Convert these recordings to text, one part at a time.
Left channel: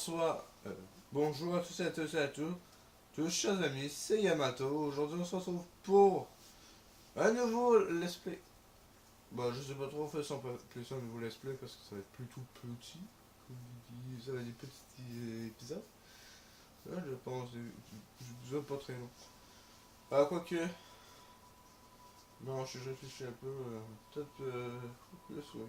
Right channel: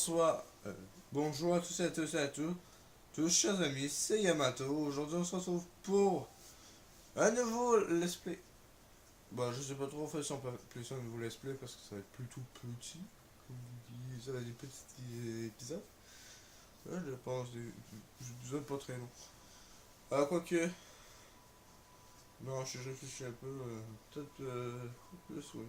bonsoir, bonjour à tous et à tous et à tous chers amis, c'est Yamato. Aujourd'hui on se retrouve pour un nouveau let's play. Bon, je sais pas trop en fait si on peut appeler ça un nouveau let's play parce que ça va être plutôt petit. Ça va être des petits épisodes. Ouais, je pense, des pas très long. Ah, quoique. Non, je réfléchis un peu, peut-être plus, oui.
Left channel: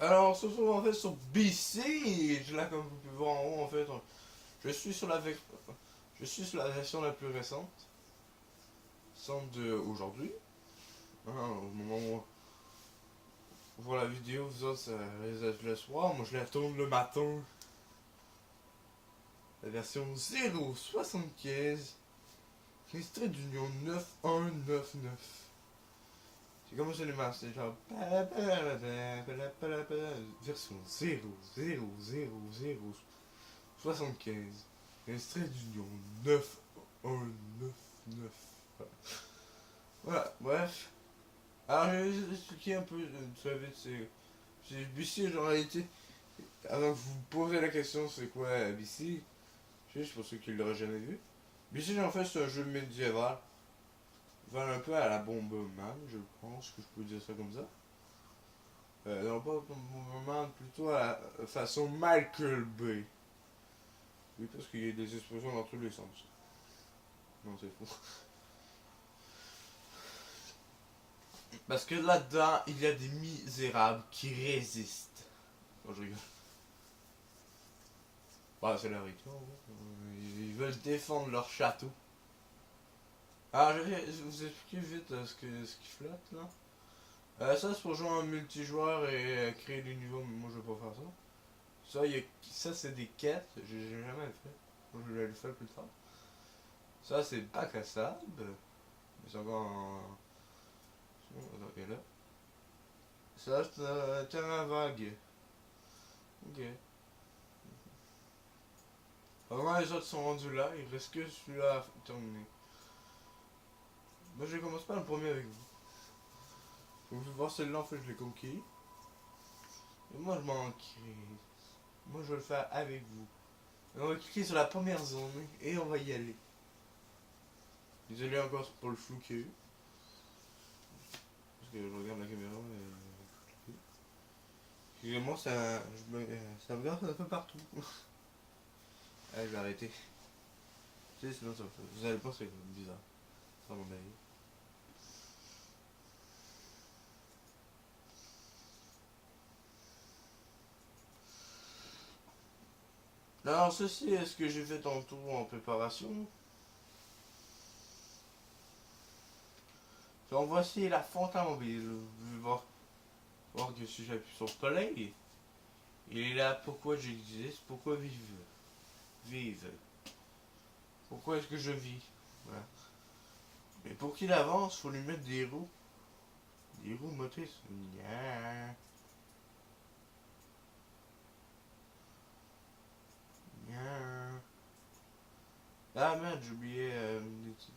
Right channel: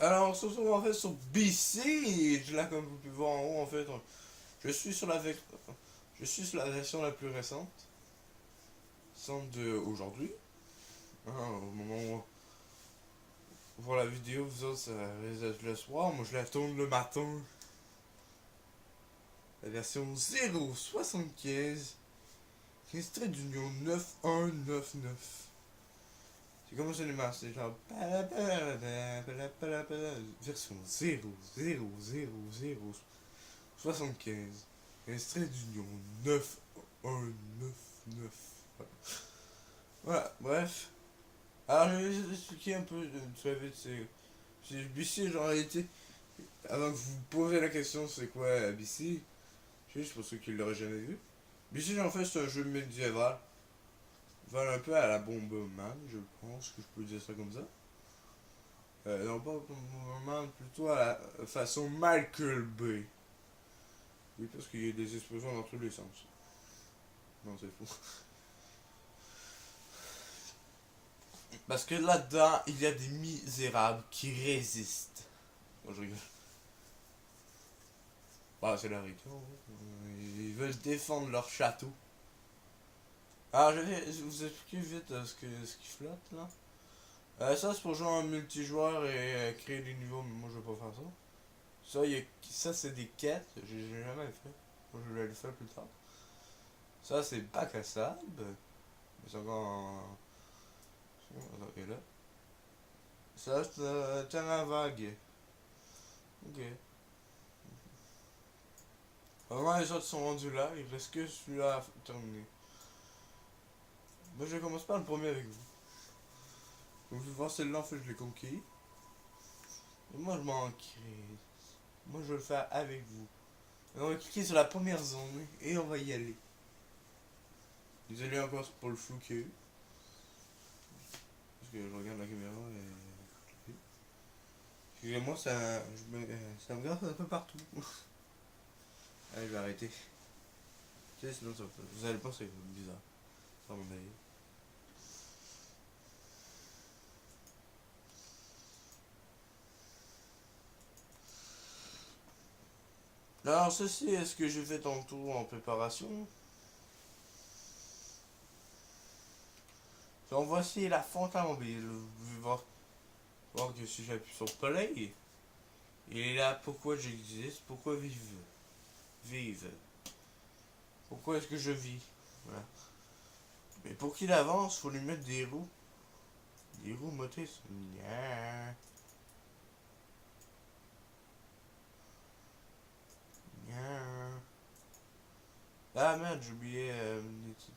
Alors, on se retrouve en fait sur BC. Là, comme vous pouvez voir en haut, en fait, je suis sur je suis sur la version la plus récente, celle de aujourd'hui. Au moment où vous voyez la vidéo, vous autres, ça risque d'être le soir. Moi, je la tourne le matin. La version 0.75, extrait d'Union 9199. C'est comme ça les masses, c'est genre version 0.0.0.75, extrait d'Union 9199. Voilà, bref. Alors, je vais vous expliquer un peu très vite. C'est BC, en réalité. Avant que vous posez la question, c'est quoi BC? Juste pour ceux qui ne l'auraient jamais vu. BC, en fait, c'est un jeu médiéval. Vers un peu à la Bomberman, je pense que je peux dire ça comme ça. Non, pas Bomberman, plutôt à la façon Michael Bay. Oui, parce qu'il y a des explosions dans tous les sens. Non, c'est faux. Parce que là-dedans, il y a des misérables qui résistent. Non, je rigole. Bah, c'est la victoire. Ils veulent défendre leur château. Alors, je vais vous expliquer vite ce qui flotte là. Ça, c'est pour jouer en multijoueur et créer des niveaux, mais moi je vais pas faire ça. Ça c'est des quêtes, j'ai jamais fait. Moi je vais le faire plus tard. Ça, c'est bac à sable. C'est encore en. Et là. Ça, c'est terrain vague. Ok. Vraiment, les autres sont rendus là, il reste que celui-là à terminer. Moi, je commence pas le premier avec vous. Vous pouvez voir celui-là, en fait, je l'ai conquis. Et moi, je m'en crée. Moi, je vais le faire avec vous. Et on va cliquer sur la première zone et on va y aller. Désolé encore pour le flou qu'il y a eu. Parce que je regarde la caméra et. Excusez-moi, ça me garde un peu partout. Allez, je vais arrêter. Tu sais, sinon vous allez penser que c'est bizarre. Ça mon avis. Alors, ceci est ce que j'ai fait tantôt en préparation. Donc, voici la fontaine mobile. Vous pouvez voir que si j'appuie sur play, il est là. Pourquoi j'existe, pourquoi vive. Pourquoi est-ce que je vis? Voilà. Mais pour qu'il avance, faut lui mettre des roues. Des roues motrices. Nya. Nya. Ah merde, j'ai oublié des titres.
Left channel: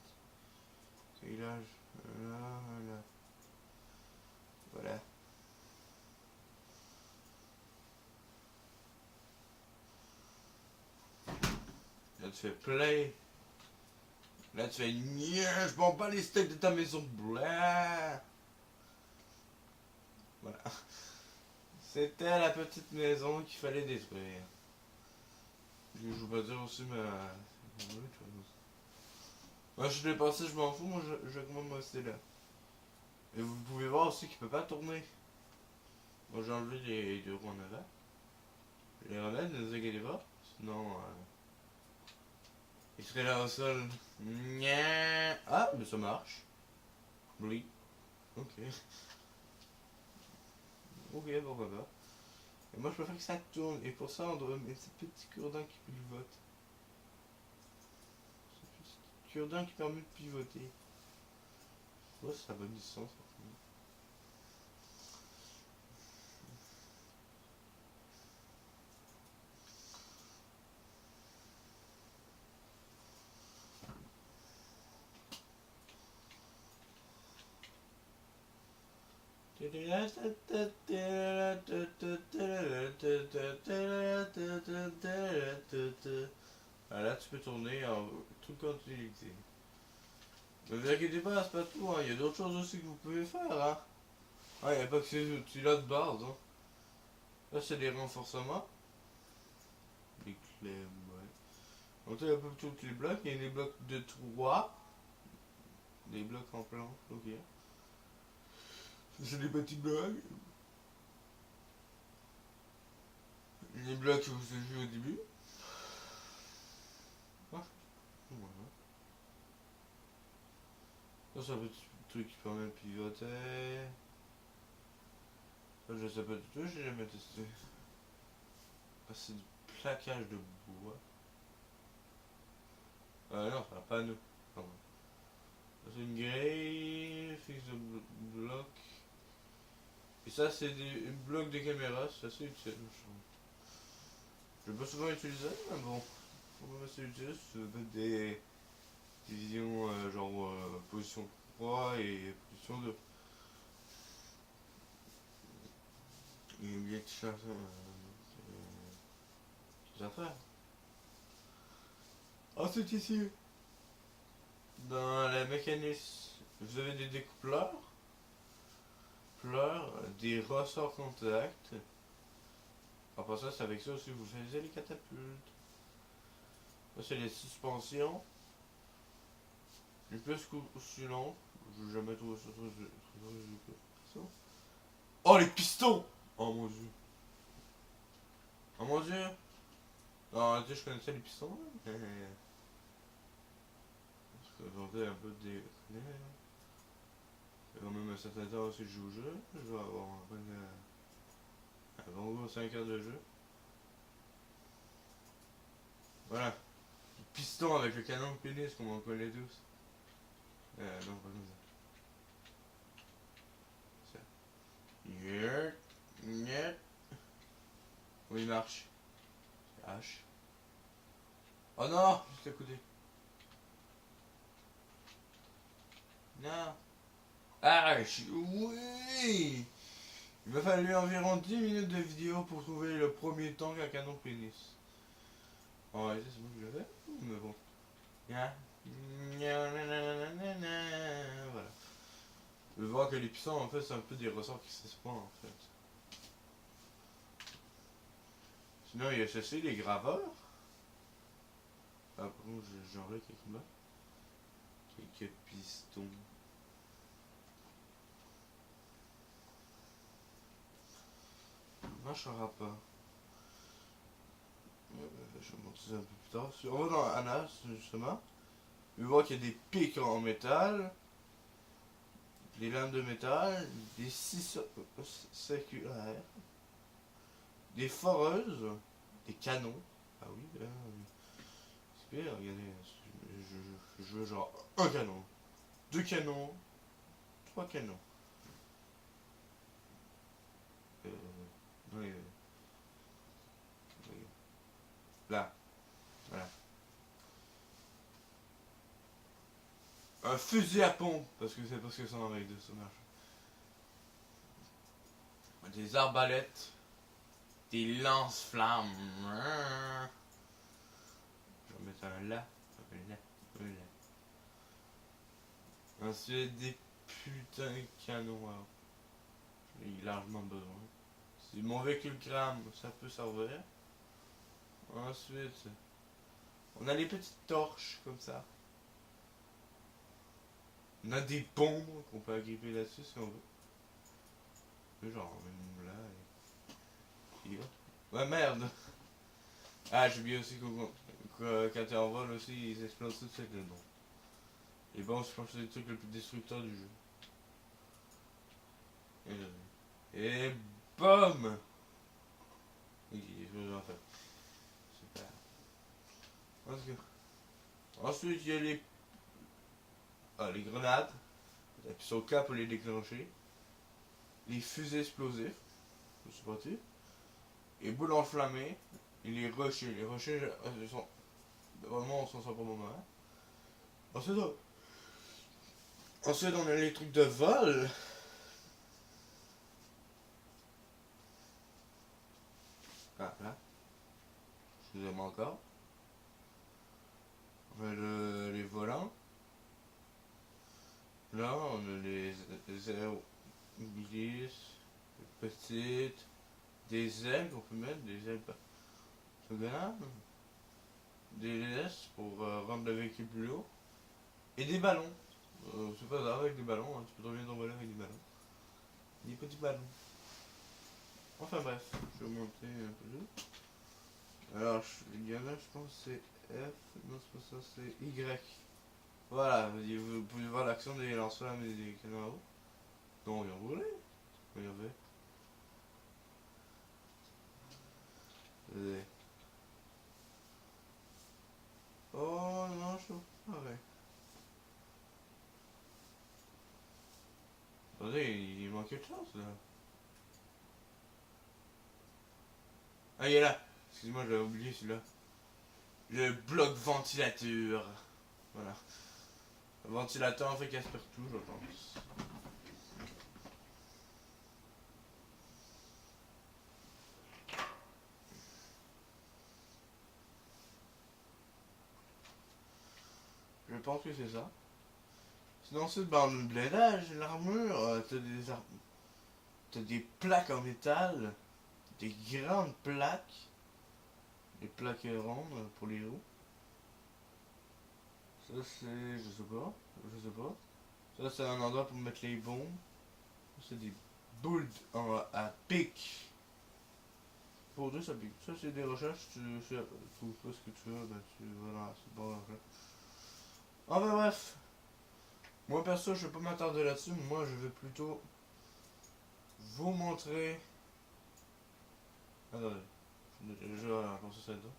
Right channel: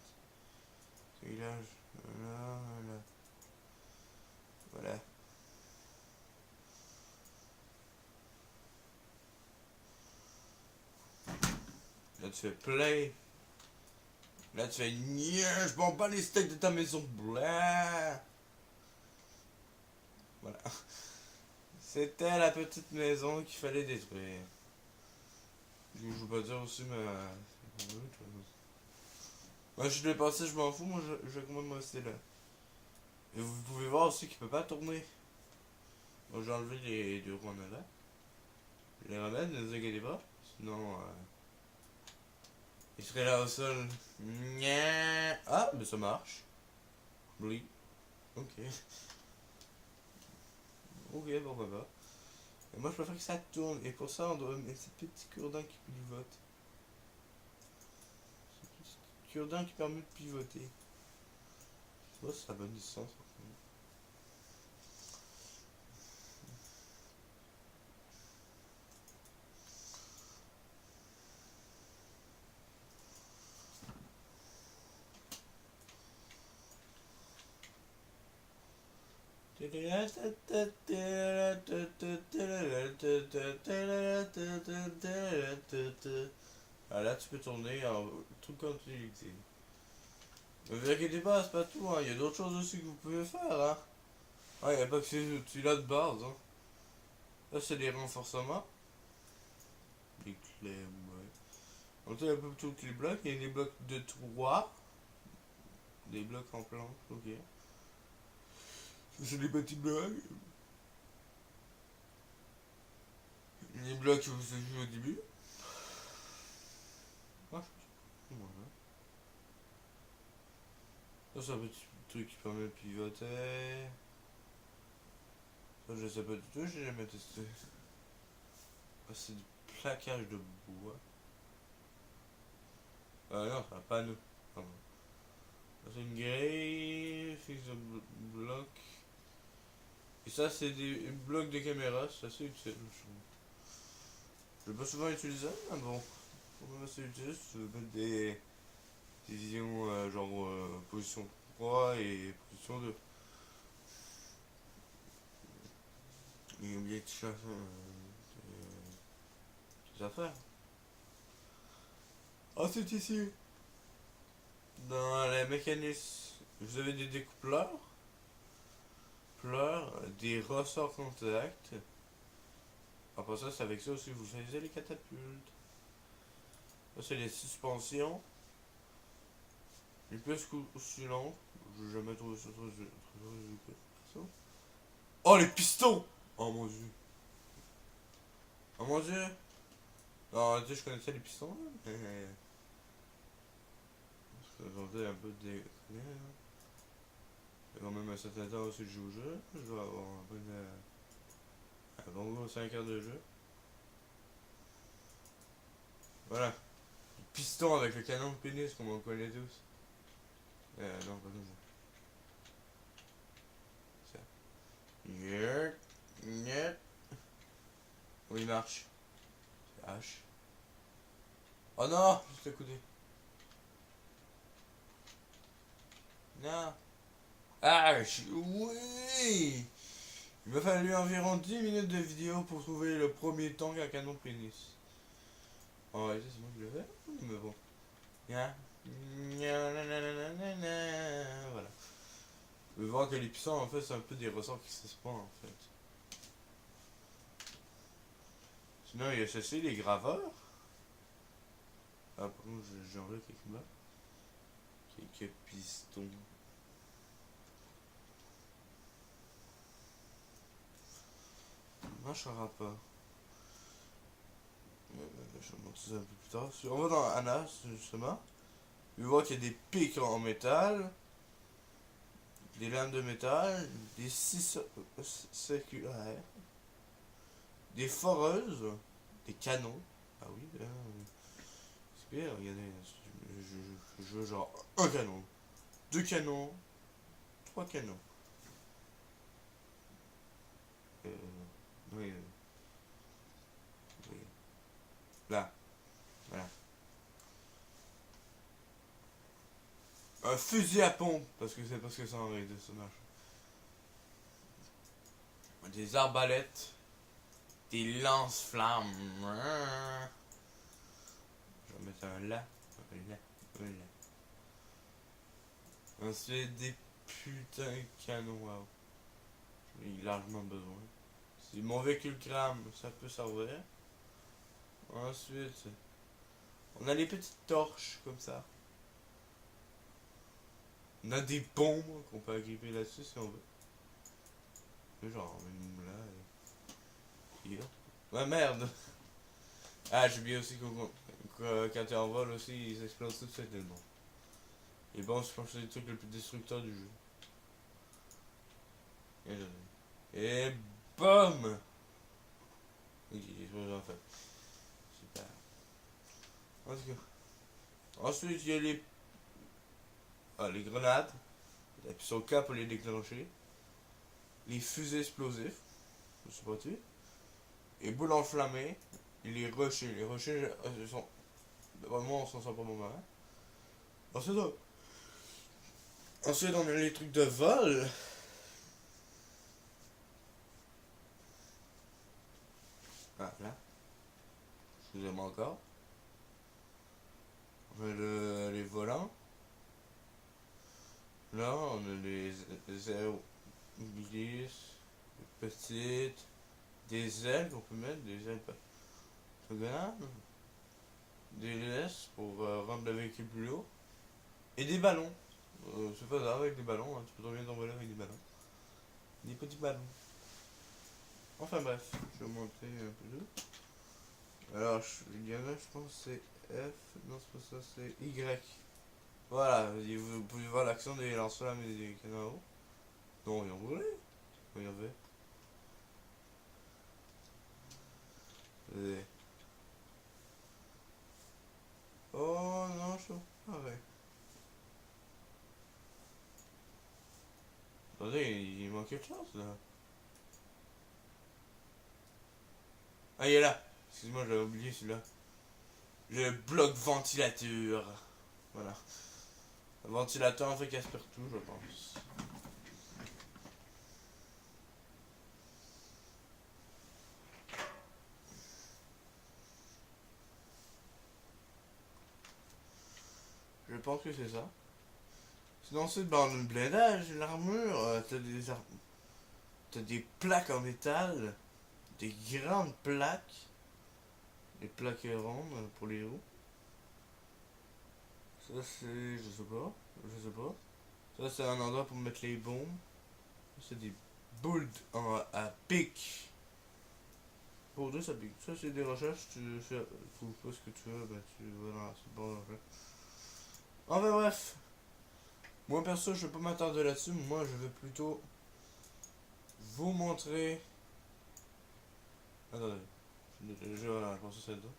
C'est là, là. Voilà. Là tu fais play. Là tu fais nya, je m'en bats les steaks de ta maison. Blah. Voilà. C'était la petite maison qu'il fallait détruire. Je veux pas dire aussi, mais. Moi je l'ai passé, je m'en fous, moi je recommande de rester là. Et vous pouvez voir aussi qu'il peut pas tourner. Donc j'ai enlevé les deux roues en avant. Je les ramène, ne vous inquiétez pas. Sinon, il serait là au sol. Nya. Ah, mais ça marche. Oui. Ok. Ok, pourquoi pas. Et moi je préfère que ça tourne. Et pour ça, on doit mettre ces petits cure-dents qui pivotent. Ces petits cure-dents qui permettent de pivoter. Je sais pas si ça a bonne distance. Ah, là, tu peux tourner en tout continu. Ne vous inquiétez pas, c'est pas tout, hein. Il y a d'autres choses aussi que vous pouvez faire. Hein. Ah, il n'y a pas que ces outils-là de base. Hein. Là, c'est des renforcements. Des clés, ouais. On a un peu tous les blocs. Il y a des blocs de 3. Des blocs en planche, ok. C'est des petits blocs. Les blocs que vous avez vu au début. Ah, voilà. Ça, c'est un petit truc qui permet de pivoter. Ça, je sais pas du tout, j'ai jamais testé. Ah, c'est du plaquage de bois. Ah non, c'est un panneau. Ah, ouais. Ça, c'est une grille fixe de blocs. Et ça, c'est des blocs de caméra, c'est assez utile, je trouve. Je l'ai pas souvent utilisé, mais bon. C'est assez utile si tu veux mettre des visions genre position 3 et position 2. Il y a bien de des affaires. Ensuite ici, dans la mécanisme, vous avez des découpleurs, des ressorts contact. Après ça, c'est avec ça aussi que vous faisiez les catapultes. Ça, c'est les suspensions. Les plus oscillantes. Je n'ai jamais trouvé ça très. Oh, les pistons! Oh mon dieu. Oh mon dieu. Non, en réalité, je connaissais les pistons, mais. Je présentais un peu des. J'ai quand même un certain temps aussi de jouer au jeu. Je dois avoir un bon gros 5 heures de jeu. Voilà. Le piston avec le canon de pénis, comme on connaît tous. Non, pas comme ça. Niet. Niet. Oui, il marche. C'est H. Oh non, juste à côté. Non. H. Oui. Il m'a fallu environ 10 minutes de vidéo pour trouver le premier tank à canon pénis. En réalité, c'est moi qui l'avais, mais bon. Voilà. Vous pouvez voir que les puissants, en fait, c'est un peu des ressorts qui se spawnent, en fait. Sinon, il y a ceci, les graveurs. Ah, par contre, j'enlève quelques mains. Quelques pistons. Marchera pas. Je vais montrer ça un peu plus tard. On va dans Anas, justement. Vous voyez qu'il y a des pics en métal, des lames de métal, des scies circulaires, des foreuses, des canons. Ah oui, c'est bien, regardez, je veux genre un canon, deux canons, trois canons. Euh, oui, oui. Là, voilà. Un fusil à pompe, parce que c'est parce que ça en avec de ce match. Des arbalètes, des lance-flammes. Je vais mettre un là, un là, un là. Ensuite, des putains de canons à. J'en ai largement besoin. Si mon véhicule crame, ça peut servir. Ensuite, on a les petites torches comme ça. On a des bombes qu'on peut agripper là-dessus si on veut. Genre, une là et. Puis, ouais, merde! Ah, j'ai oublié aussi que quand tu en vol aussi, ils explosent tout de suite les noms. Et bon, je pense que c'est le truc le plus destructeur du jeu. Et BOM! Il explose en fait. Super. En tout cas. Ensuite, il y a les grenades. Il appuie sur le K pour les déclencher. Les fusées explosifs. Je sais pas tu. Les boules enflammées. Et les rochers. Les rochers, ils sont. Vraiment, on s'en sort pas moment. Ensuite, on a les trucs de vol. excusez-moi encore. Les volants. Là, on a les ailes lisses, les petites, des ailes qu'on peut mettre, des ailes orthogonales, des laisses pour rendre le véhicule plus haut, et des ballons. C'est pas grave avec des ballons, hein, tu peux trop bien t'envoler avec des ballons. Des petits ballons. Enfin bref, je vais monter un peu. Alors, il y en a, je pense que c'est F, non c'est pas ça, c'est Y. Voilà, vous pouvez voir l'action des lance-flammes et des canards. Non, ils ont volé. Regardez. Et... Oh non, je sais pas. Ouais. Attendez, il manque quelque chose là. Ah, il est là. Excuse-moi, j'avais oublié celui-là. Le bloc ventilateur. Voilà. Le ventilateur en fait qui aspire tout, je pense. Je pense que c'est ça. Sinon, c'est dans le blindage, l'armure, t'as des plaques en métal, des grandes plaques, des plaques rondes pour les roues. Ça, c'est. Je sais pas. Je sais pas. Ça, c'est un endroit pour mettre les bombes. Ça, c'est des boules à pic. Pour deux, ça pique. Ça, c'est des recherches. Tu trouves pas ce que tu veux, ben tu vas dans la barre. Enfin, bref. Moi, perso, je vais pas m'attarder là-dessus. Moi, je vais plutôt vous montrer. Attendez. J'ai déjà pensé ça dedans.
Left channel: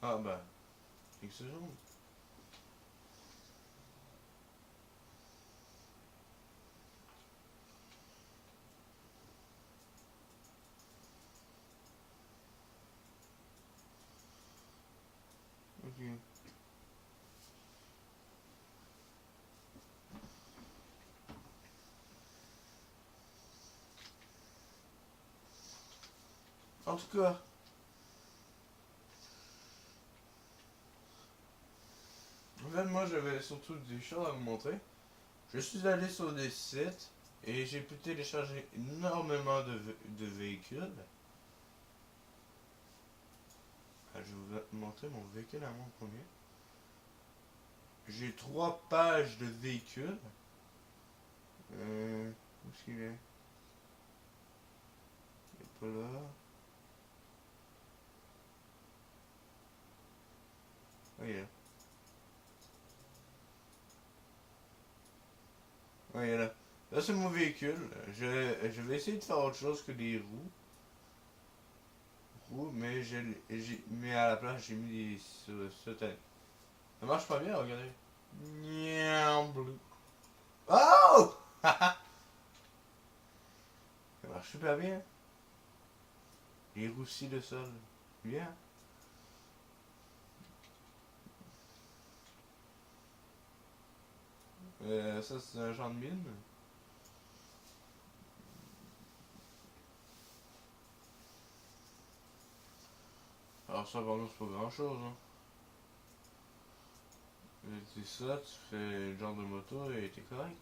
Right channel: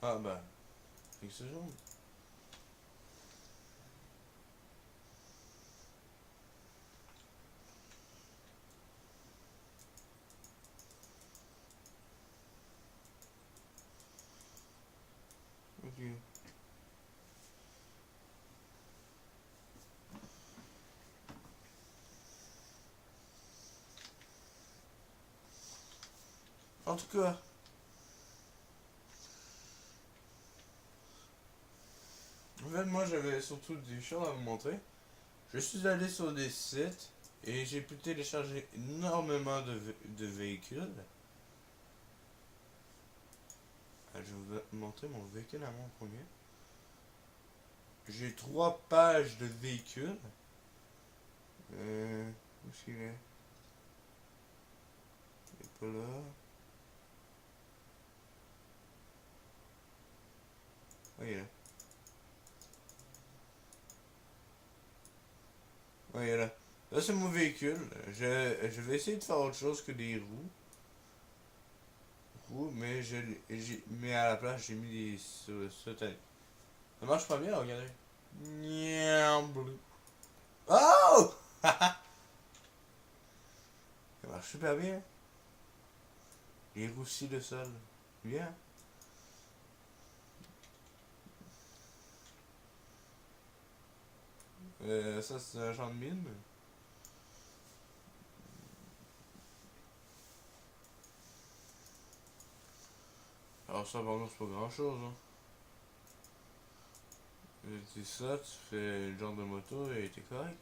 Ah, bah. Quelques secondes. Ok. En tout cas, en fait, moi j'avais surtout des choses à vous montrer. Je suis allé sur des sites et j'ai pu télécharger énormément de véhicules. Je vais vous montrer mon véhicule à mon premier. J'ai 3 pages de véhicules. Où est-ce qu'il est? Il est pas là. Ah, il est là. Ah, il est là. Là, c'est mon véhicule. Je vais essayer de faire autre chose que des roues, mais mais à la place, j'ai mis des sautanines. Ça marche pas bien, regardez. Niam. Oh! Ça marche super bien. Il roussit le sol. Bien. Ça, c'est un champ de mine. Alors, ça, par contre, c'est pas grand chose. Hein. Tu ça, tu fais le genre de moto et t'es correct.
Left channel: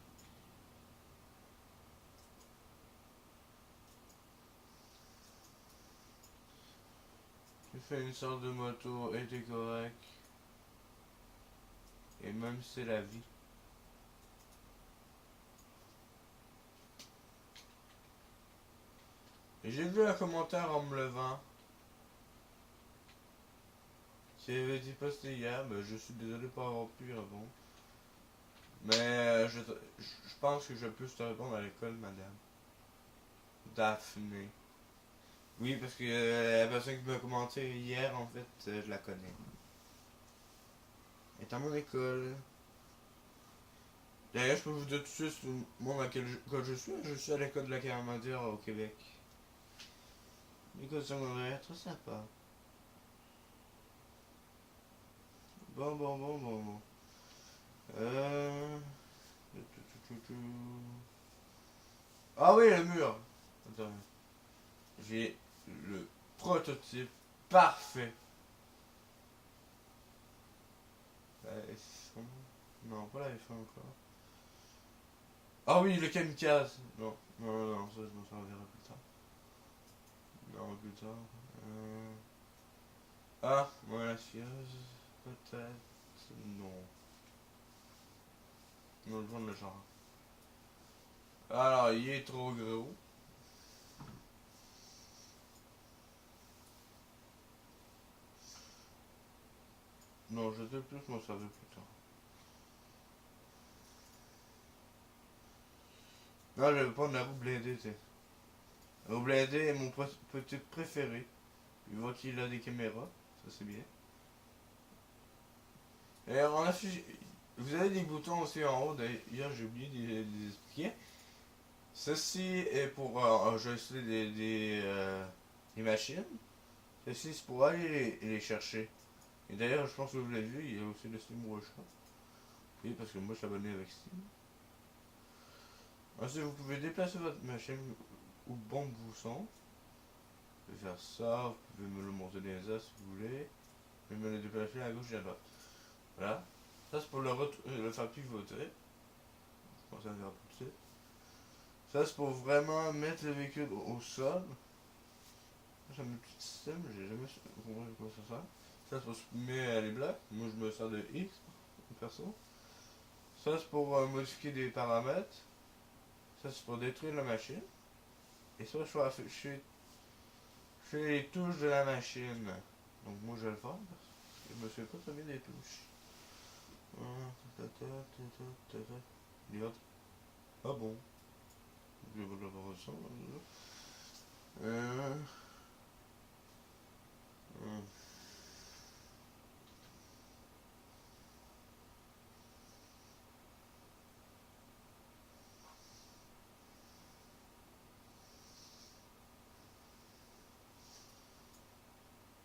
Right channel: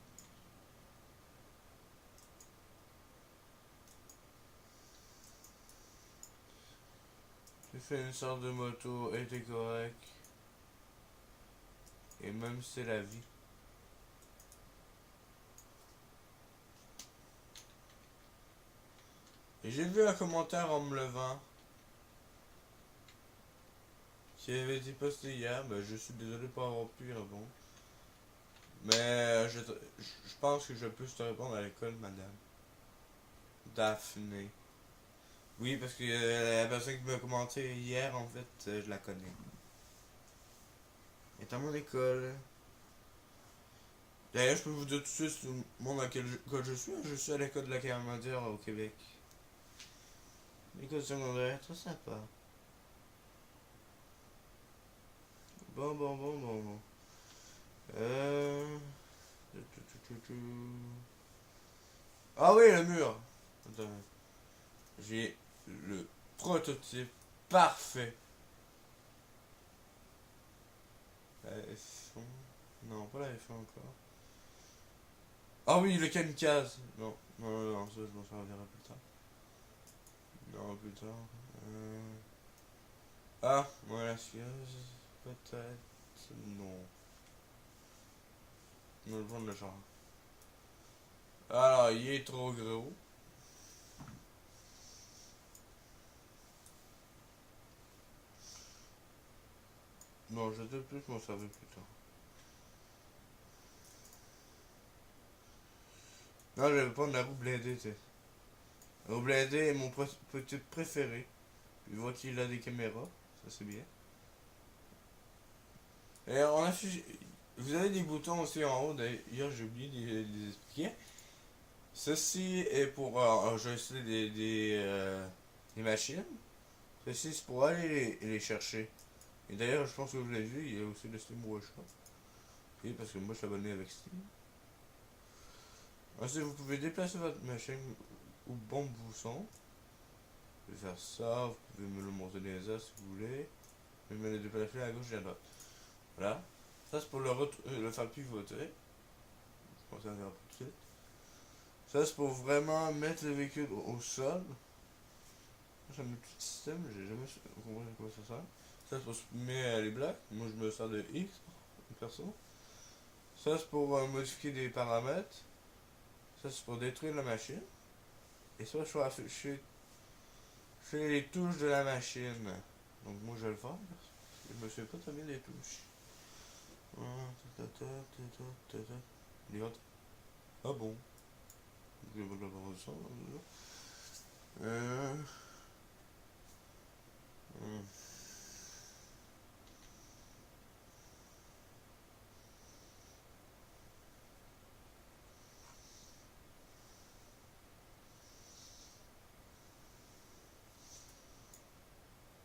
Tu fais une sorte de moto et t'es correct. Et même si c'est la vie. Et j'ai vu un commentaire en me levant qui avait été posté hier, mais je suis désolé pour avoir pu y répondre. Mais je pense que je peux te répondre à l'école, madame. Daphné. Oui, parce que la personne qui m'a commenté hier, en fait, je la connais. Elle est à mon école. D'ailleurs, je peux vous dire tout de suite le monde à quel école je suis. Je suis à l'école de la Carmandière au Québec. L'école secondaire, très sympa. Bon. Euh... Ah oui, le mur. Attends. J'ai le prototype Parfait. La F1. Non, pas la F1 encore. Ah oui, le kamikaze. Non, non, non, non, ça je m'en servirai plus tard. Non, plus tard. Euh... Ah, voilà, skieuse. Peut-être. Non. Non, le prendre le genre. Alors, il est trop gros. Non, je te plus, je m'en servirai plus tard. Non, je vais prendre la roue blindée, tu sais. La roue blindée est mon petit préféré. Il voit qu'il a des caméras, ça c'est bien. Et on a vous avez des boutons aussi en haut, d'ailleurs j'ai oublié de les expliquer. Ceci est pour enregistrer des machines. Ceci c'est pour aller les chercher. Et d'ailleurs je pense que vous l'avez vu, il y a aussi le Steam Workshop. Oui, parce que moi je suis abonné avec Steam. Ensuite vous pouvez déplacer votre machine où bon vous sent. Vous pouvez faire ça, vous pouvez me le monter dans les as si vous voulez. Vous pouvez me le déplacer à gauche et à droite. Voilà. Ça c'est pour le faire pivoter. On s'en verra tout de suite. Ça c'est pour vraiment mettre le véhicule au sol. C'est un petit système, j'ai jamais compris à quoi ça sert. Ça c'est pour se mettre les blocs. Moi je me sers de X perso. Ça c'est pour modifier des paramètres. Ça c'est pour détruire la machine. Et ça je vais afficher les touches de la machine. Donc moi je vais le faire parce que je me souviens pas très bien des touches. Les autres. Ah bon. Je vais vous le voir ça. Euh... hum.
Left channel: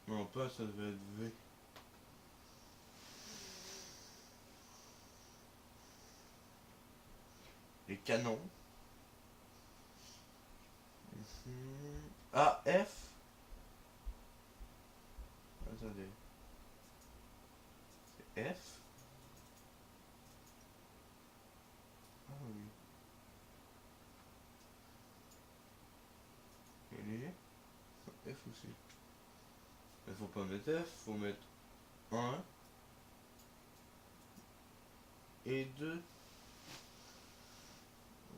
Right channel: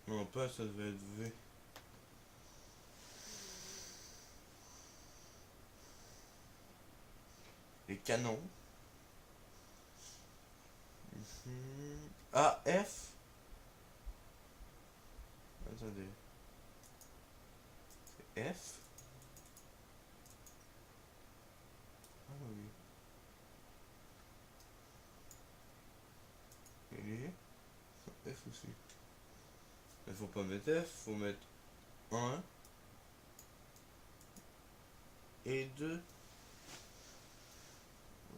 Non, pas ça devait être V. Les canons. Ah, F. Attendez. C'est F. Ah oui. Et les F aussi. Il faut pas mettre F, faut mettre 1 et 2.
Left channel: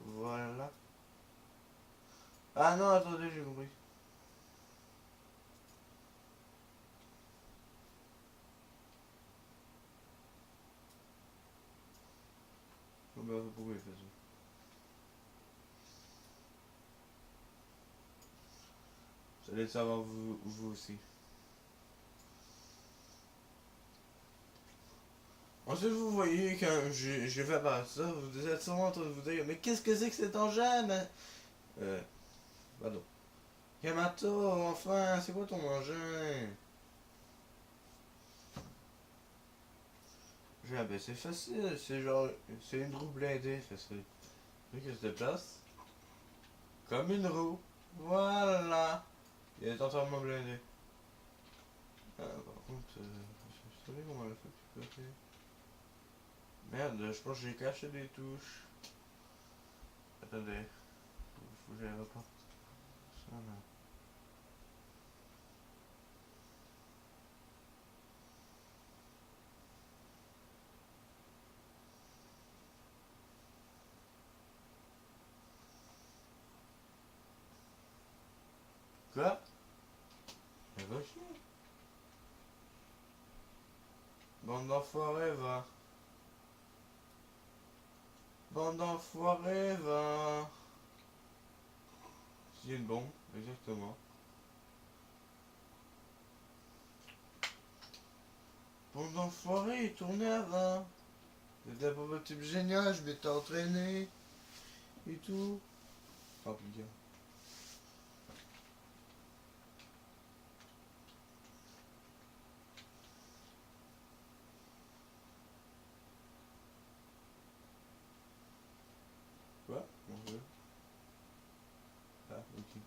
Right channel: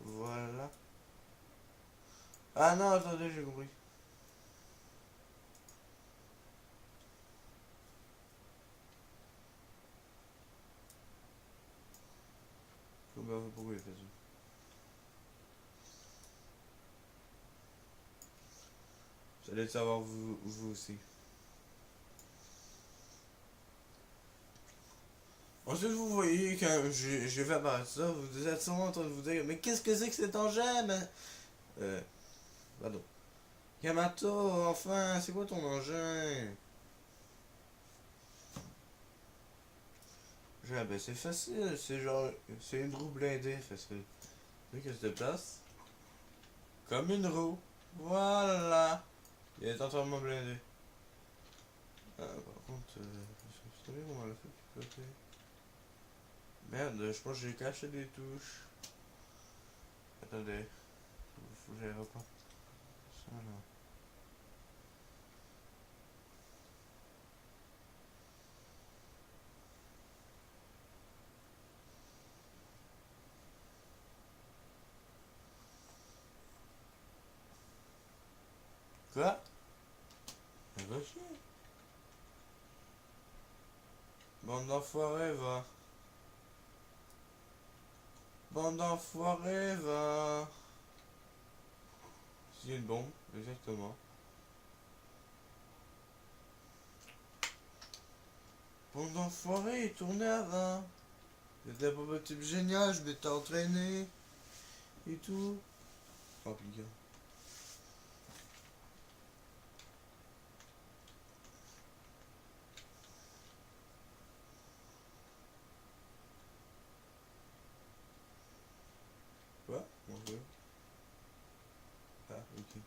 Voilà. Ah non, attendez, j'ai compris. Oh bah, pourquoi il fait ça? Vous allez le savoir vous aussi. Ensuite, vous voyez, quand j'ai fait apparaître ça, vous êtes sûrement en train de vous dire, mais qu'est-ce que c'est que cet engin? Euh, pardon. Yamato, enfin, c'est quoi ton engin? Ben c'est facile, c'est genre, c'est une roue blindée, facile. Vu qu'elle se déplace, comme une roue. Voilà. Il est entièrement blindé. Par contre, je sais pas comment le fait du côté. Merde, je pense que j'ai caché des touches. Attendez, faut que j'aille reprendre ça là. Quoi? Mais va chier. Bande d'enfoirés, va. Bande d'enfoirés, va. C'est une bombe, exactement. Bande d'enfoirés, tournez avant. C'était pas votre type génial, je m'étais entraîné. Et tout. Oh, putain. Quoi? Mon dieu. Ah, ok.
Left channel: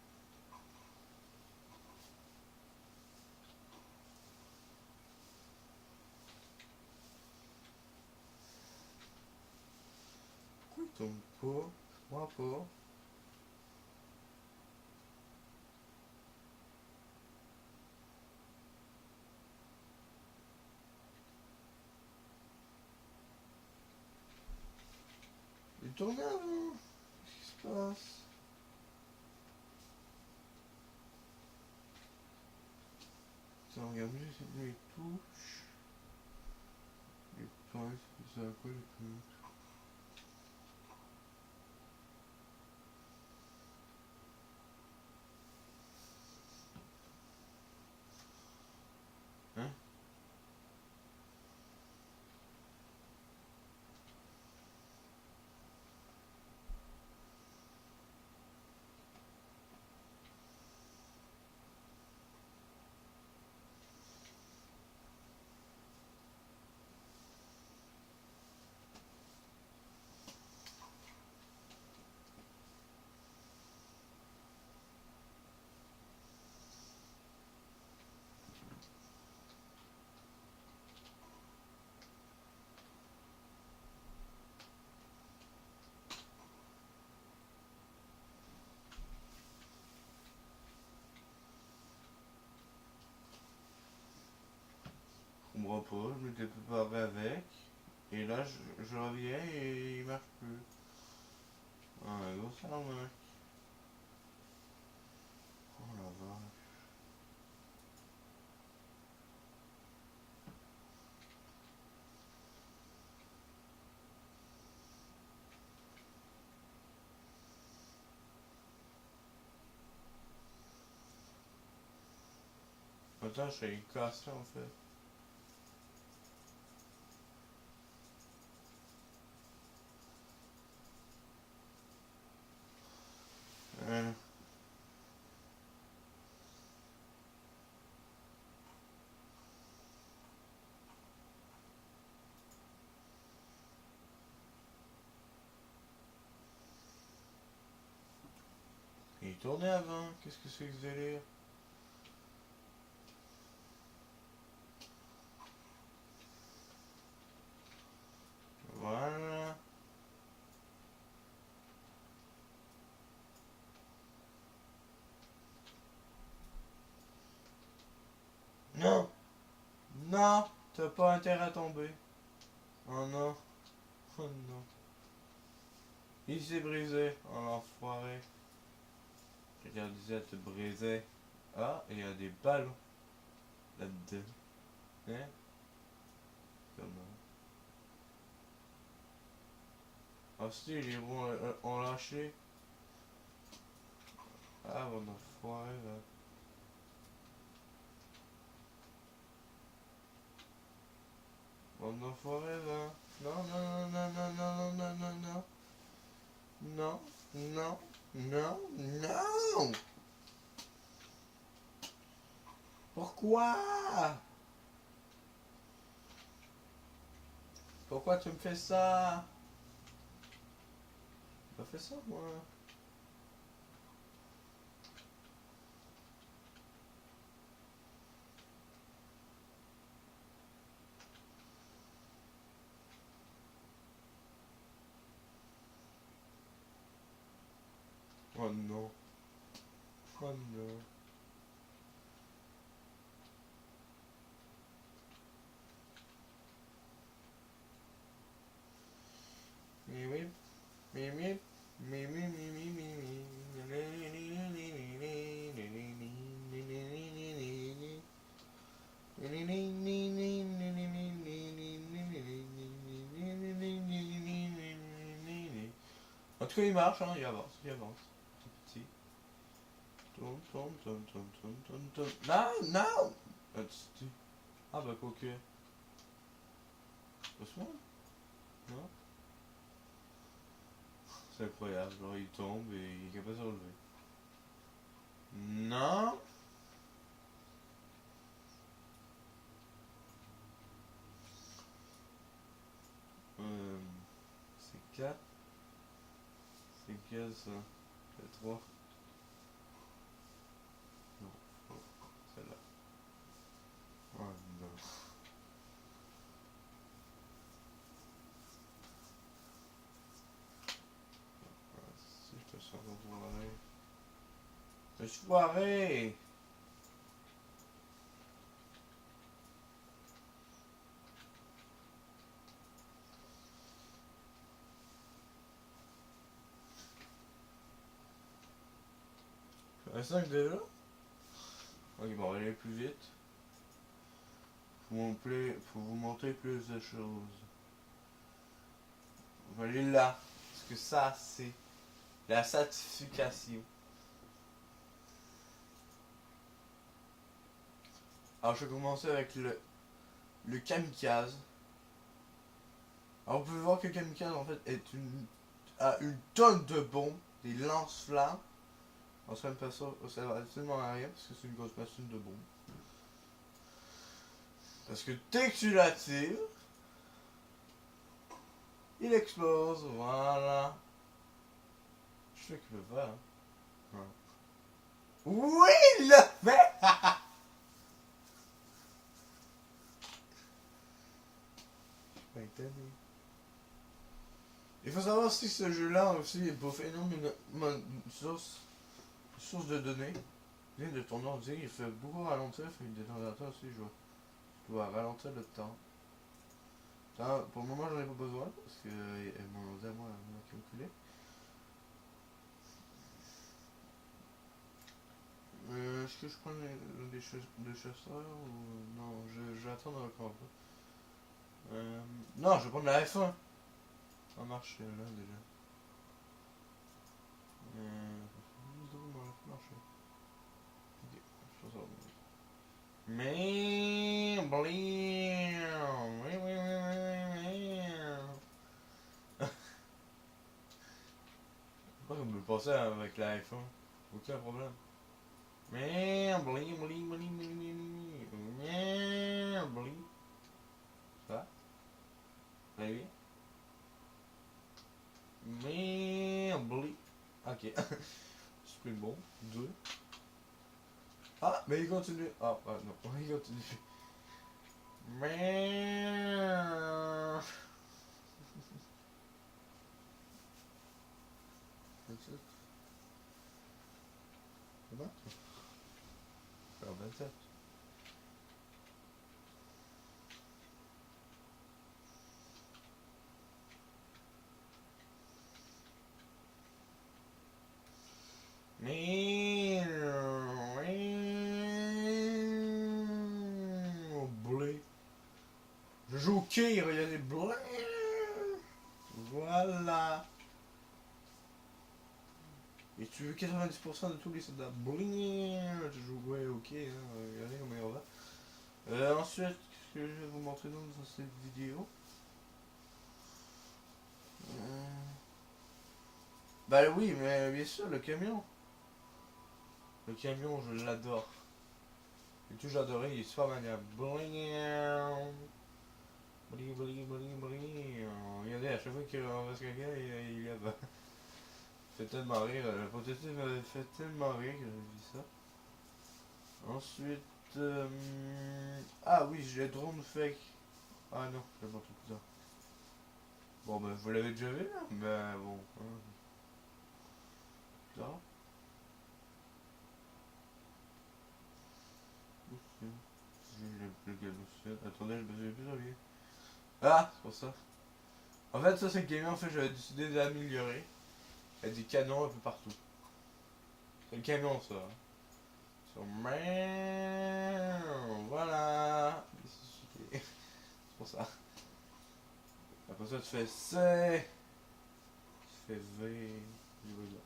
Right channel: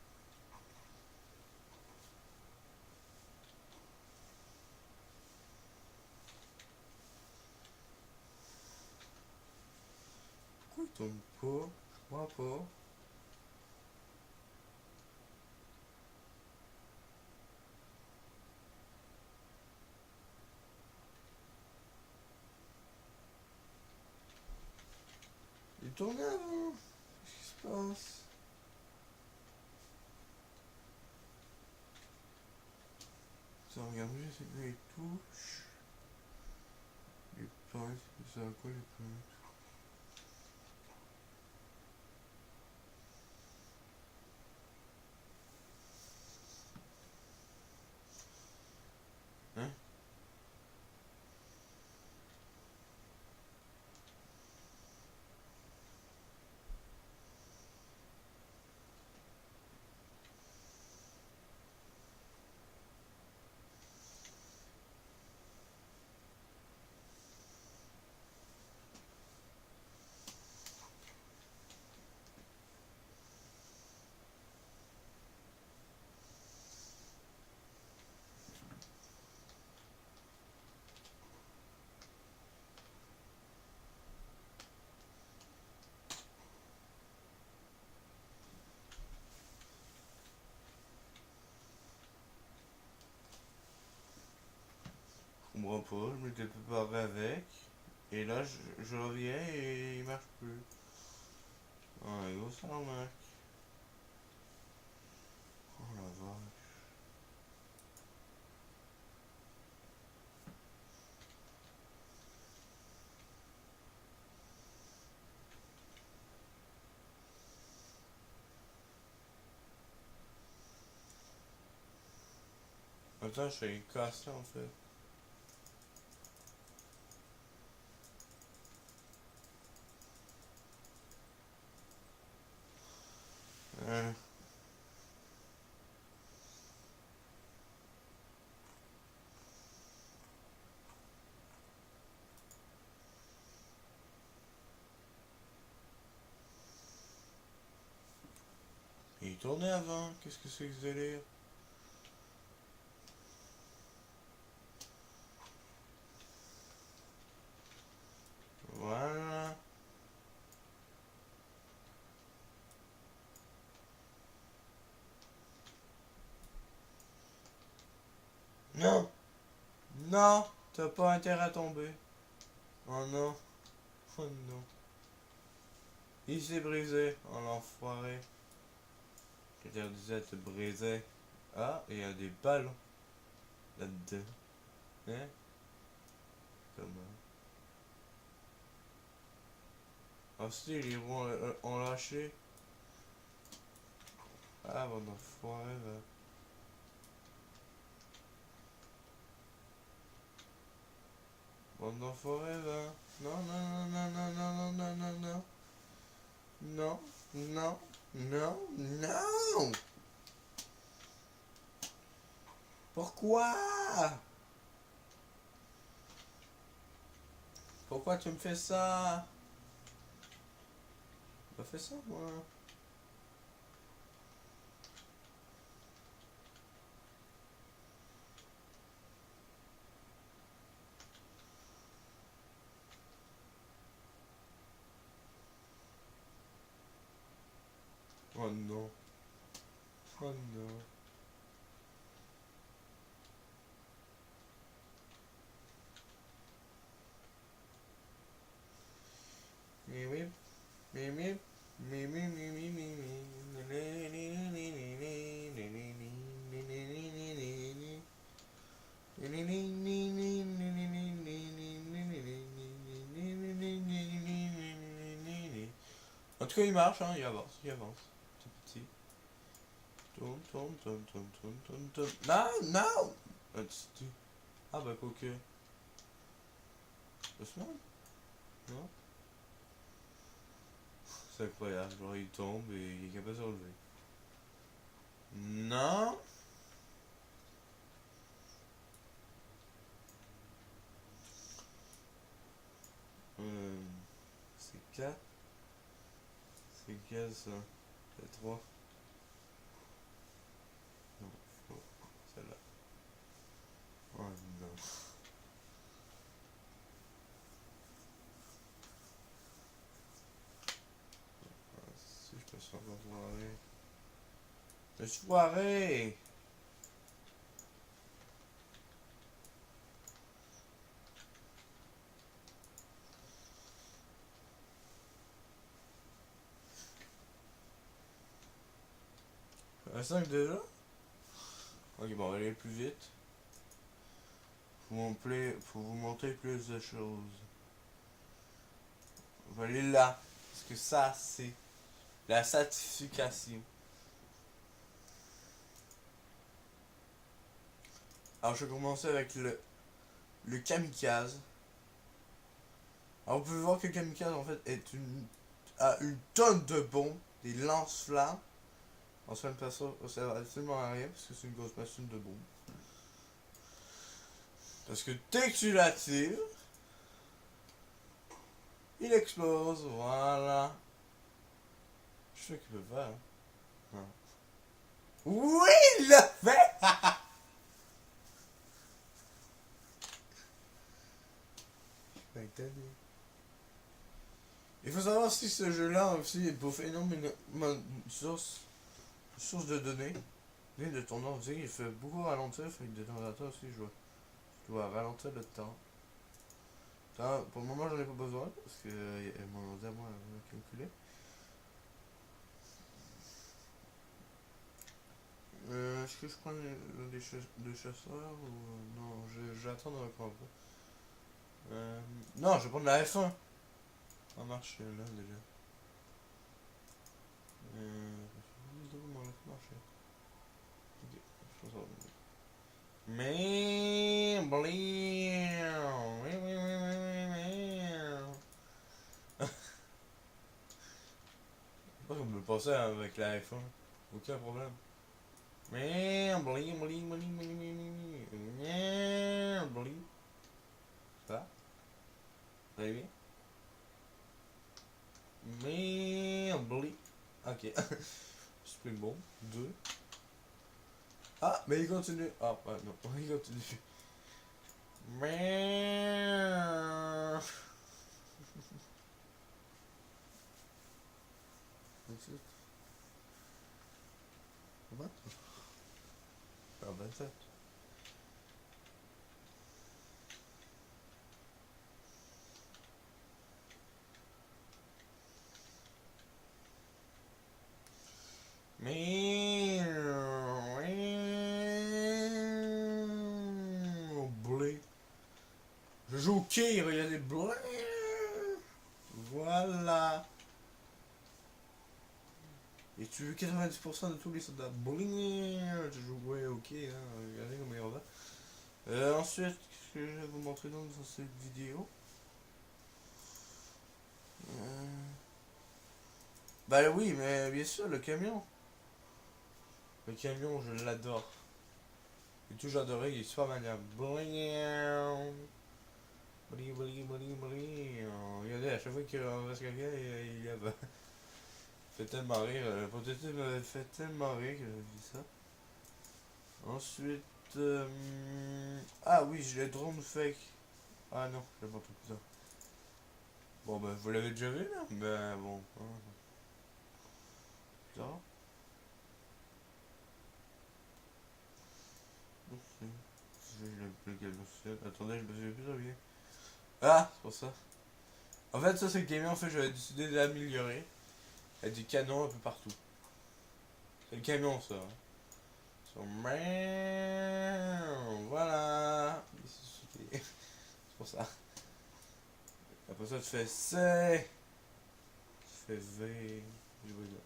tourne pas. Moi pas. Il tournait avant. Qu'est-ce qui se passe? Ça regarde juste les touches. Les pinces, c'est ça quoi les pinces? Hein? Je comprends pas, je m'étais préparé avec. Et là, je reviens et il marche plus. Ah, gros salamac. Oh la vache. Attends, je suis cassé en fait. Hein. Il tournait avant, qu'est-ce que c'est que ce délire? Voilà. Non! Non! T'as pas intérêt à tomber. Oh non. Oh non. Il s'est brisé. Oh l'enfoiré. Quelqu'un disait te briser. Ah, et il y a des ballons là-dedans. Hein? Comment? Ah si, les roues ont lâché. Ah, bon enfoiré là. Bon enfoiré là. Non, non, non, non, non, non, non, non, non. Non, non, non, non. Pourquoi? Pourquoi tu me fais ça? Pas fait ça, moi. Oh non. Oh non. Mimi, mimi, mimi, mimi, mimi. En tout cas, il marche, hein, il avance, il avance. Tout petit. Tourne, tourne, tourne, tourne, tourne, tourne, tourne. Non, non! Ah, ah bah, quoique. Doucement? Non? C'est incroyable, genre il tombe et il est capable de se relever. Non! C'est 4. C'est quel ça? C'est 3. Non, oh, celle-là. Oh non. Je suis foiré. Un 5 déjà? Ok, bon, on va aller plus vite. Faut vous montrer plus de choses. On va aller là. Parce que ça, c'est la certification. Alors, je vais commencer avec le kamikaze. Alors, vous pouvez voir que le kamikaze, en fait, a une tonne de bombes, des lance-flammes. On se même pas ça, ça sert absolument à rien parce que c'est une grosse machine de bombes. Parce que dès que tu la tires, il explose, voilà. Je sais qu'il peut faire. Hein. Oui, il l'a fait! Il faut savoir si ce jeu-là aussi pour faire une source de données de ton ordi, il fait beaucoup ralentir, fait que de temps en temps aussi je dois ralentir le temps. Pour le moment j'en ai pas besoin parce que mon ordi à moi m'a calculé. Est-ce que je prends des chasseurs ou non, j'attends encore un peu. Non, je vais prendre la F1. Ça marche là déjà. Marcher. Ok, je pense ça. Mais pourquoi vous me le passez avec la F1? Aucun problème. Mais ça, très bien. Mais ok. Spring Ball 2. Ah, mais il continue. Ah, non, il continue. Mais comment? Ah, 27. Mais blé. Je joue au quai, il y a des blés. Voilà. Et tu veux 90% de tous les soldats. Bling. Je joue ouais, ok, hein, regardez comment il va. Ensuite, ce que je vais vous montrer dans cette vidéo. Bah oui, mais bien sûr, le camion. Le camion, je l'adore. J'ai toujours adoré, il est super maniable. Bling. Bling, bling, bling, bling. Regardez, à chaque fois qu'on va se quelqu'un, il y a. Fait tellement rire, le prototype m'avait fait tellement rire que j'ai vu ça. Ensuite, ah oui, j'ai le drone fake. Ah non, je vais montrer plus tard. Bon ben, vous l'avez déjà vu là, mais bon. Ça. Attendez, je me souviens plus de rien. Ah, c'est pour ça. En fait, ça c'est le camion, en fait, j'avais décidé d'améliorer. Il y a des canons un peu partout. C'est le camion ça. Hein. Voilà. C'est pour ça. Après ça, tu fais C. Tu fais V. Je vois là.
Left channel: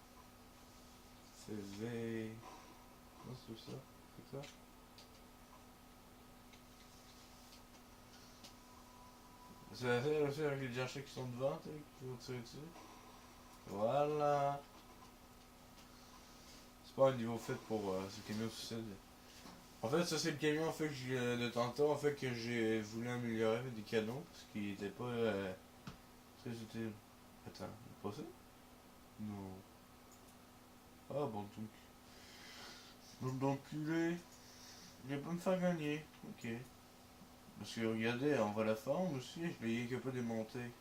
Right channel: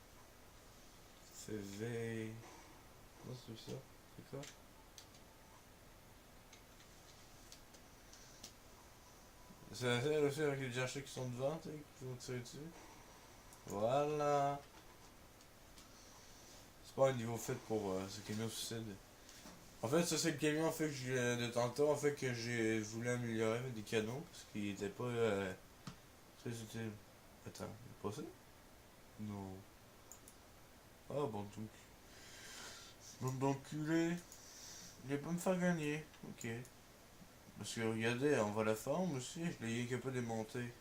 Tu fais V. Comment c'est ça? C'est quoi? C'est la faire aussi avec les archers qui sont devant, tu sais, qui vont tirer dessus. Voilà. C'est pas un niveau fait pour ce camion suicide. En fait, ça c'est le camion en fait, de tantôt en fait, que j'ai voulu améliorer avec des canons, parce qu'il était pas très utile. Attends, il est passé? Non. Ah bon, donc. Bande d'enculé. Il va pas me faire gagner. Ok. Parce que regardez, on voit la forme aussi, je l'ai capable de démonter.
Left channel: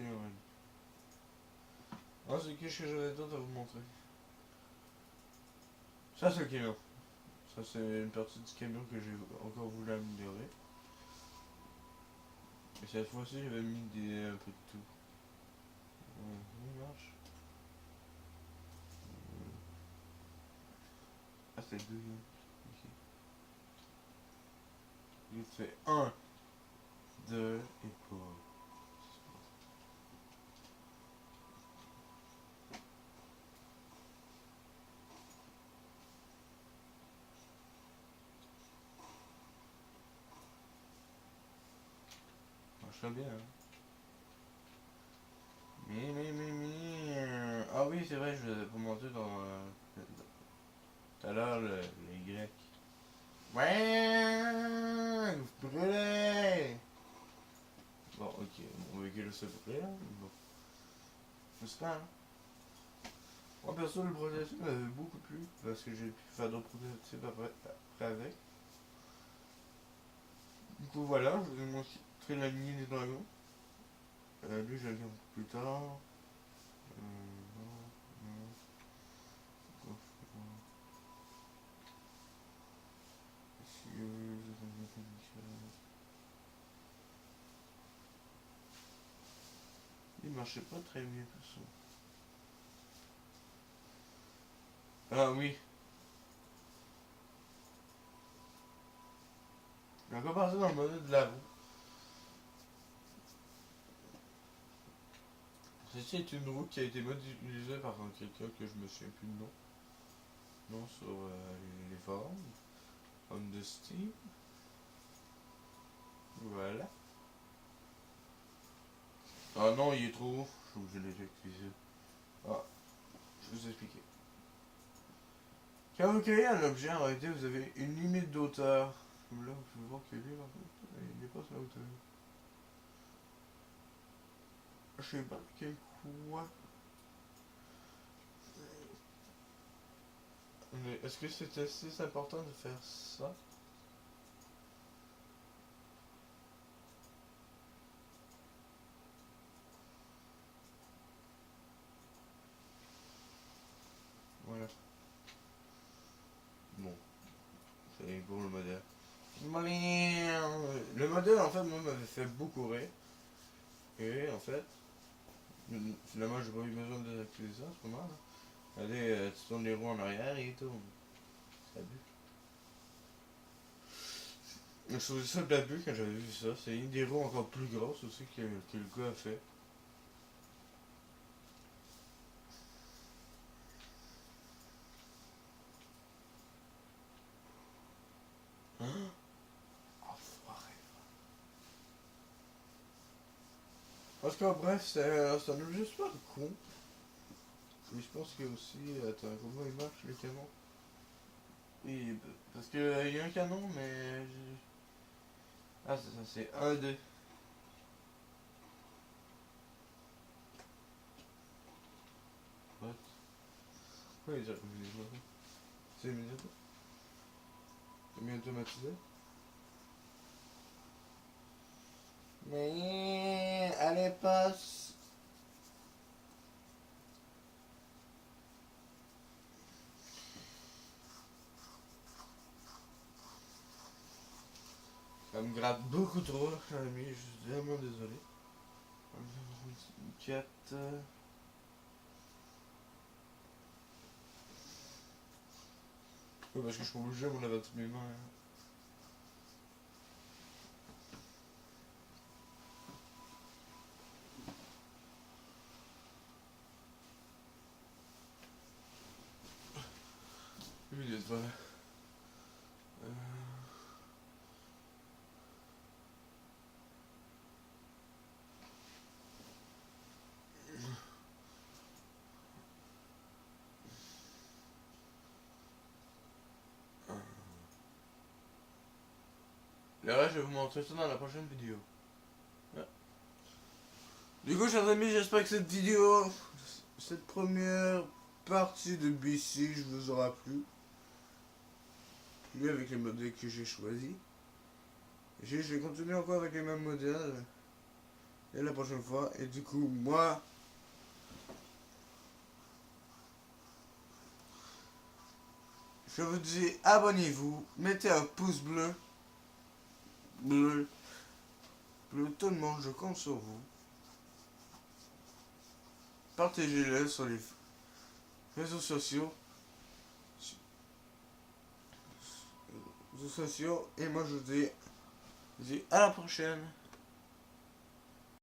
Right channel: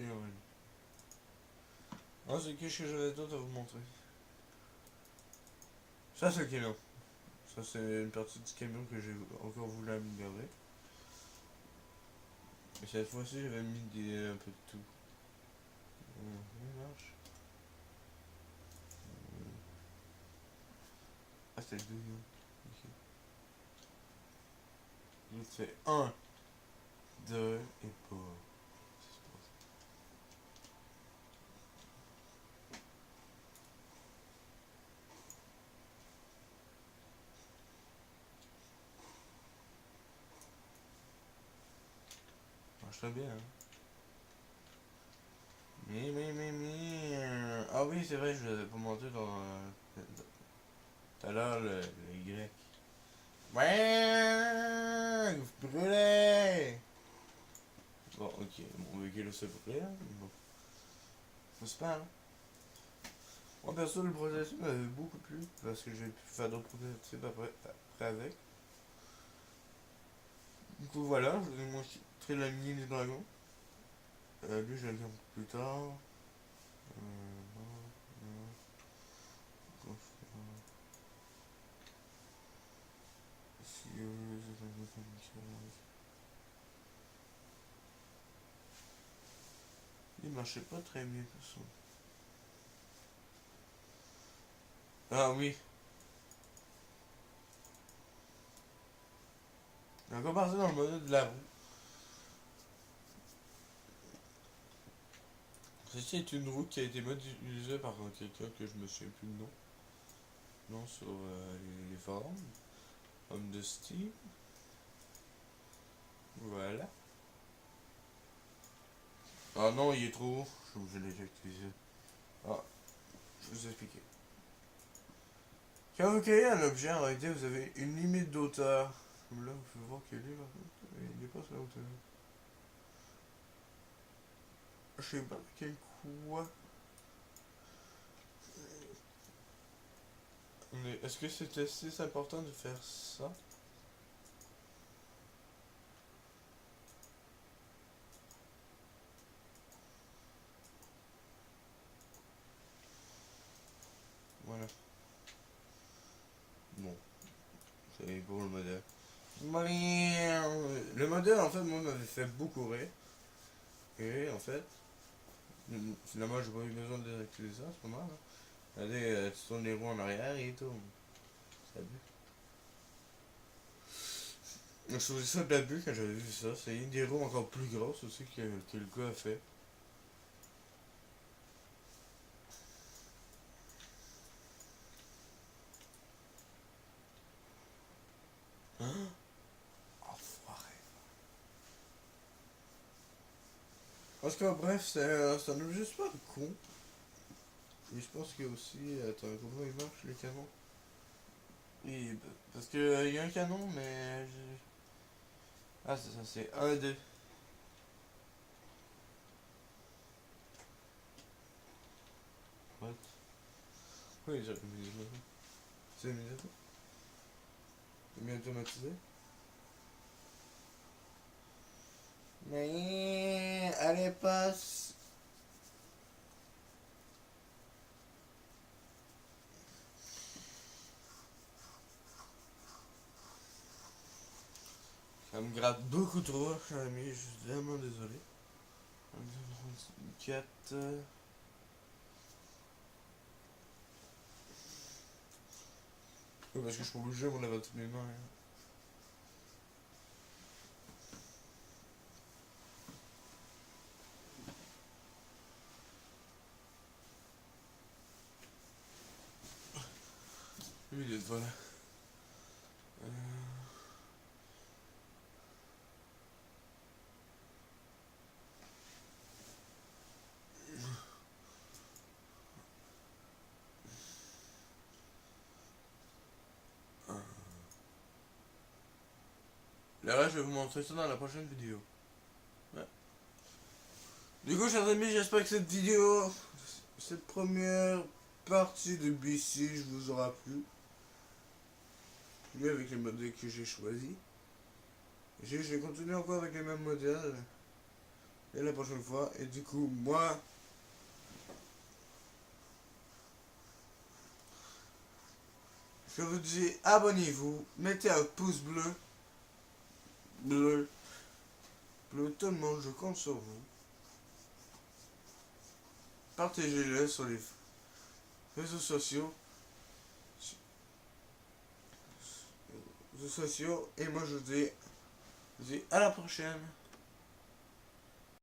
construit en réalité. Ensuite, qu'est-ce que j'avais d'autre à vous montrer? Ça, c'est le camion. Ça, c'est une partie du camion que j'ai encore voulu améliorer. Et cette fois-ci, j'avais mis un peu de tout. Ça marche. Ah, c'était deux. Ok. L'autre fait 1, 2 et pas. Marche très bien, hein. Ah oui, c'est vrai, je vous avais pas montré dans. Tout à l'heure, le grec. Ouais, vous brûlez! Bon, ok, mon véhicule s'est brûlé, là. Bon. C'est pas, hein. Moi, perso, le prototype m'avait beaucoup plu parce que j'ai pu faire d'autres prototypes après avec. Du coup, voilà, je vous ai montré la mini du dragon. Lui, je vais le faire plus tard. Il marchait pas très bien tout ça. Ah oui. On va commencer dans le modèle de la roue. Ceci est une roue qui a été modélisée par quelqu'un que je me souviens plus de nom. Non, sur les forums. On the Steam. Voilà. Ah non, il est trop haut. Je l'ai réutilisé. Ah, je vais vous expliquer. Quand vous créez un objet, en réalité, vous avez une limite d'auteur. Là, vous pouvez voir qu'il est là. Il dépasse la hauteur. Je sais pas quel quoi. Mais est-ce que c'était si important de faire ça? Voilà. Bon, c'est gros le modèle. Le modèle, en fait, moi, m'avait fait beaucoup rire. Et en fait, finalement, j'ai pas eu besoin de désactiver ça, c'est pas mal. Hein. Allez, tu tournes les roues en arrière et il tourne. Ça bute. Je trouvais ça de la bulle quand j'avais vu ça. C'est une des roues encore plus grosses aussi que le gars a fait. Hein? Enfoiré. En tout cas, bref, c'est un objet super con. Et je pense qu'il y a aussi. Attends, comment il marche le canon? Et, parce que il y a un canon, mais. Ah, c'est ça, c'est un deux. What? Oui, j'ai mis ça. C'est mis ça. C'est bien automatisé. Mais. Allez, passe! Ça me gratte beaucoup trop, mais je suis vraiment désolé. 4. Oui, parce que je suis obligé, on lave toutes mes mains. Hein. Oui, il est voilà. Là, je vais vous montrer ça dans la prochaine vidéo. Ouais. Du coup, chers amis, j'espère que cette première partie de BC, vous aura plu. Plu avec les modèles que j'ai choisis. J'ai continué encore avec les mêmes modèles. et la prochaine fois. Et du coup, moi, je vous dis abonnez-vous, mettez un pouce bleu, bleu, bleu, tout le monde, je compte sur vous. Partagez-le sur les réseaux sociaux. Et moi je vous dis à la prochaine.